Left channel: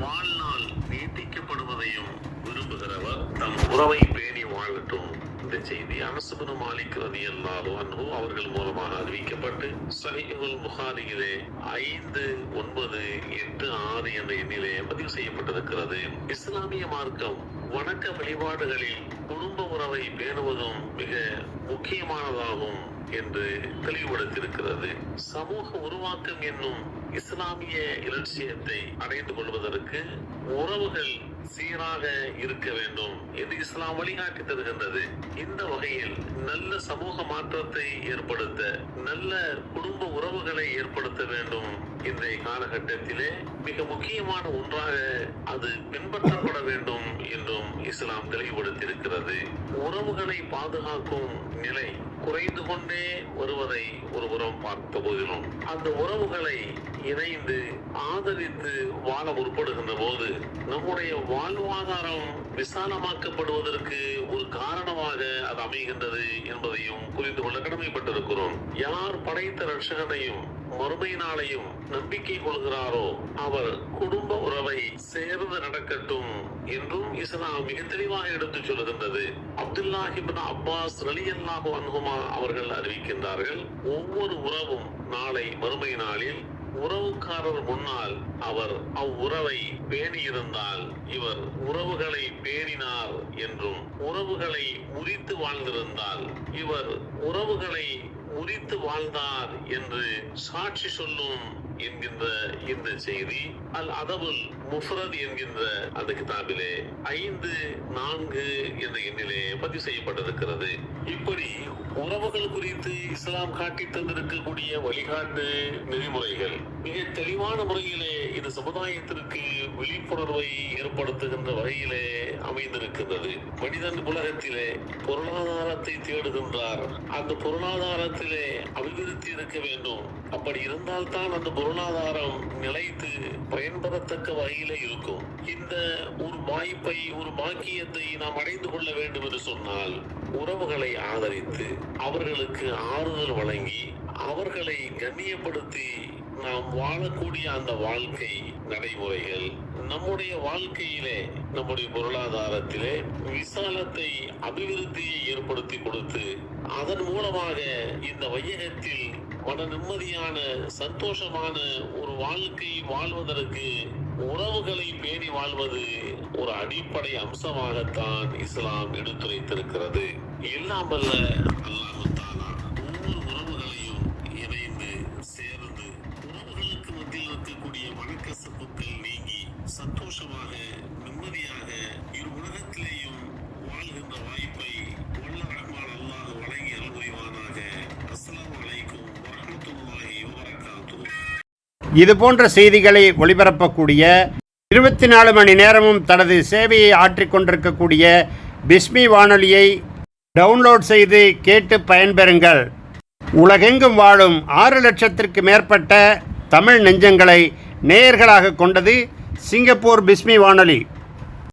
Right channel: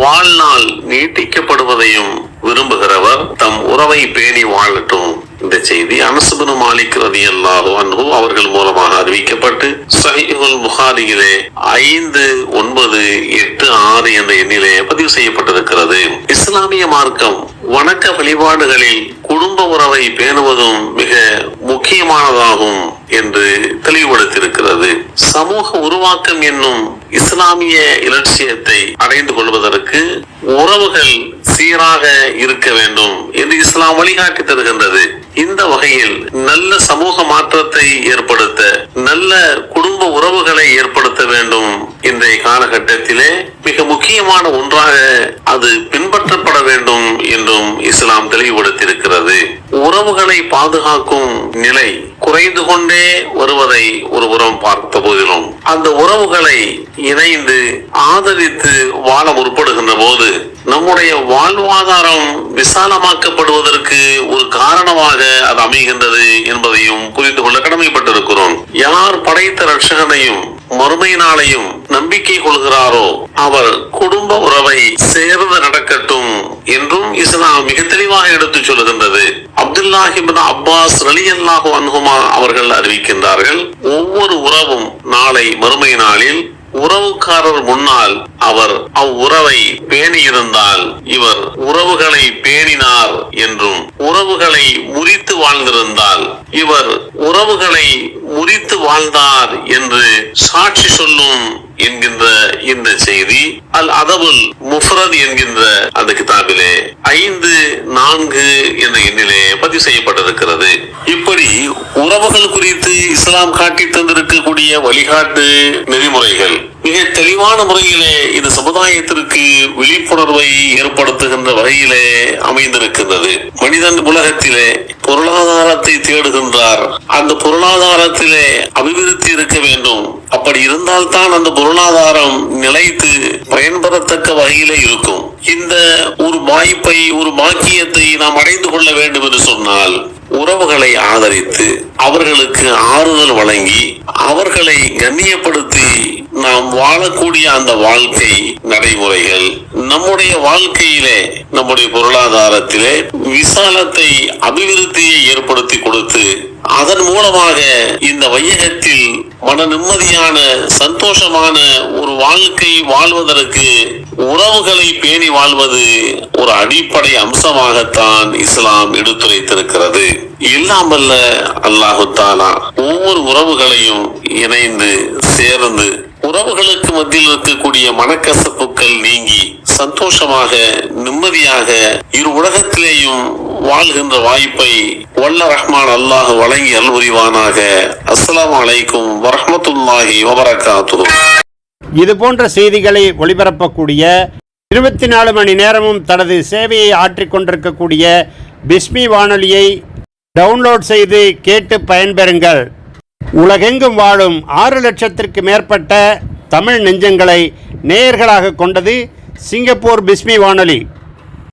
வாழ்நாள் நீட்டிக்கப்படுவதையும் விரும்புகிறவர் தம் உறவை பேணி வாழட்டும். இந்த செய்தி அனசுபனு மாலிக் ரதி அல்லாஹு அவர்கள் மூலமாக அறிவிக்கப்பட்டு சஹீஹுல் புகாரியிலே ஐந்து ஒன்பது எட்டு ஆறு என்ற எண்ணிலே பதிவு செய்யப்பட்டிருக்கிறது. இஸ்லாமிய மார்க்கம் வணக்க வழிபாடுகளில் குடும்ப உறவை பேணுவதும் மிக முக்கியமானதாகும். என்று தெளிவுபடுத்தியிருக்கிறது. சமூக உருவாக்கம் என்னும் இஸ்லாமிய இலட்சியத்தை அடைந்து கொள்வதற்கு உறவுகள் சீராக இருக்க வேண்டும். வழிகாட்டி தருகின்றது. இந்த வகையில் நல்ல சமூக மாற்றத்தை ஏற்படுத்த நல்ல குடும்ப உறவுகளை ஏற்படுத்த வேண்டும். இன்றைய காலகட்டத்திலே மிக முக்கியமான ஒன்றாக அது பின்பற்றப்பட வேண்டும் என்றும் இஸ்லாம் தெளிவுபடுத்தியிருக்கிறது. உறவுகளை பாதுகாக்கும் நிலை குறைந்து கொண்டே வருவதை ஒருபுறம் பார்த்த போதிலும் அந்த உறவுகளை இணைந்து ஆதரித்து வாழ முற்படுகின்ற போது நம்முடைய வாழ்வாதாரம் விசாலமாக்கப்படுவதற்கு ஒரு காரணமாக அது அமைகின்றது என்பதையும் புரிந்து கொள்ள கடமைப்பட்டிருக்கிறோம். யார் படைத்த ரட்சகனையும் மறுமை நாளையும் நம்பிக்கை கொள்கிறாரோ அவர் குடும்ப உறவை சேர்ந்து நடக்கட்டும் என்றும் இஸ்லாம் மிக தெளிவாக எடுத்துச் சொல்லுகின்றது. அப்துல்லாஹிபின் அப்பாஸ் ரலியல்லாஹு அன்ஹுமா அவர்கள் அறிவிக்கின்றார்கள் ஒவ்வொரு உறவும் நாளை மறுமை நாளில் உறவுக்காரர் முன்னால் அவர் அவ்வுறவை பேணியிருந்தால் இவர் உறவுகளை பேணினார் என்றும் உறவுகளை முறித்து வாழ்ந்திருந்தால் இவர் உறவுகளை முறித்து வாழ்ந்தார் என்று சாட்சி சொல்லும் என்கின்ற இந்த செய்தி அல் அதபுல் முஃபரத் என்கின்ற அந்த கிதாபிலே ஐந்து நான்கு என்ற எண்ணிலே பதிவு செய்யப்பட்டிருக்கிறது. இப்படி உறவுகள் குறித்து இஸ்லாம் காட்டி தந்திருக்கக்கூடிய வழிகாட்டு நெறிமுறைகள் மிக தெளிவான முறையிலே இது சமுதாயத்திற்கு விழிப்புணர்வை ஏற்படுத்துகின்ற வகையிலே அமைந்திருக்கின்றது. மனிதன் உலகத்திலே பொருளாதாரத்தை தேடுகின்றார். அந்த பொருளாதாரத்திலே அபிவிருத்தி இருக்க வேண்டும். அப்படி இருந்தால்தான் அந்த பொருளாதாரம் நிலைத்து பயன்பெறத்தக்க வகையிலே இருக்கும். இந்த ஒரு வாய்ப்பை ஒரு பாக்கியத்தை நாம் அடைந்து கொள்ள வேண்டும் என்று சொன்னால் உறவுகளை ஆதரித்து அவர்களுக்கு ஆறுதல் வழங்கி அவர்களை கண்ணியப்படுத்தி நாம் வாழக்கூடிய அந்த வாழ்க்கை நடைமுறைகள் நம்முடைய வாழ்க்கையிலே நம்முடைய பொருளாதாரத்திலே விசாலத்தை அபிவிருத்தியை ஏற்படுத்தி கொடுத்து அதன் மூலமாக இந்த வையகத்தில் மன நிம்மதியான சந்தோஷமான ஒரு வாழ்க்கை வாழ்வதற்கு உறவுகளை பேணி வாழ்வது ஒரு அடிப்படை அம்சமாகத்தான் இஸ்லாம் எடுத்துரைத்திருக்கிறது. இல்லாமல்ல அல்லாஹு தாலா ஒவ்வொரு உறவுகளையும் இணைந்து சேர்ந்து உறவுகளுக்கு மத்தியில் இருக்கக்கூடிய மனக்கசப்புகள் நீங்கி சந்தோஷமாக நிம்மதியாக இரு உலகத்திலேயும் வாழ்கின்ற வாய்ப்பை வல்ல ரஹ்மான் அல்லாஹ் வழங்கி அல்புரிவானாக அஸ்லாம் வலைக்கும் வரமத்துல்லாஹி வபரகாத்துஹு. இது போன்ற செய்திகளை ஒளிபரப்பக்கூடிய இருபத்தி நாலு மணி நேரமும் தனது சேவையை ஆற்றிக்கொண்டிருக்கக்கூடிய பிஸ்மி வானொலியை டவுன்லோட் செய்து கேட்டு பயன்பெறுங்கள். உலகெங்கும் வாழும் ஆறு லட்சத்திற்கு மேற்பட்ட தமிழ் நெஞ்சங்களை நேயர்களாக கொண்டது சிங்கப்பூர் பிஸ்மி வானொலி.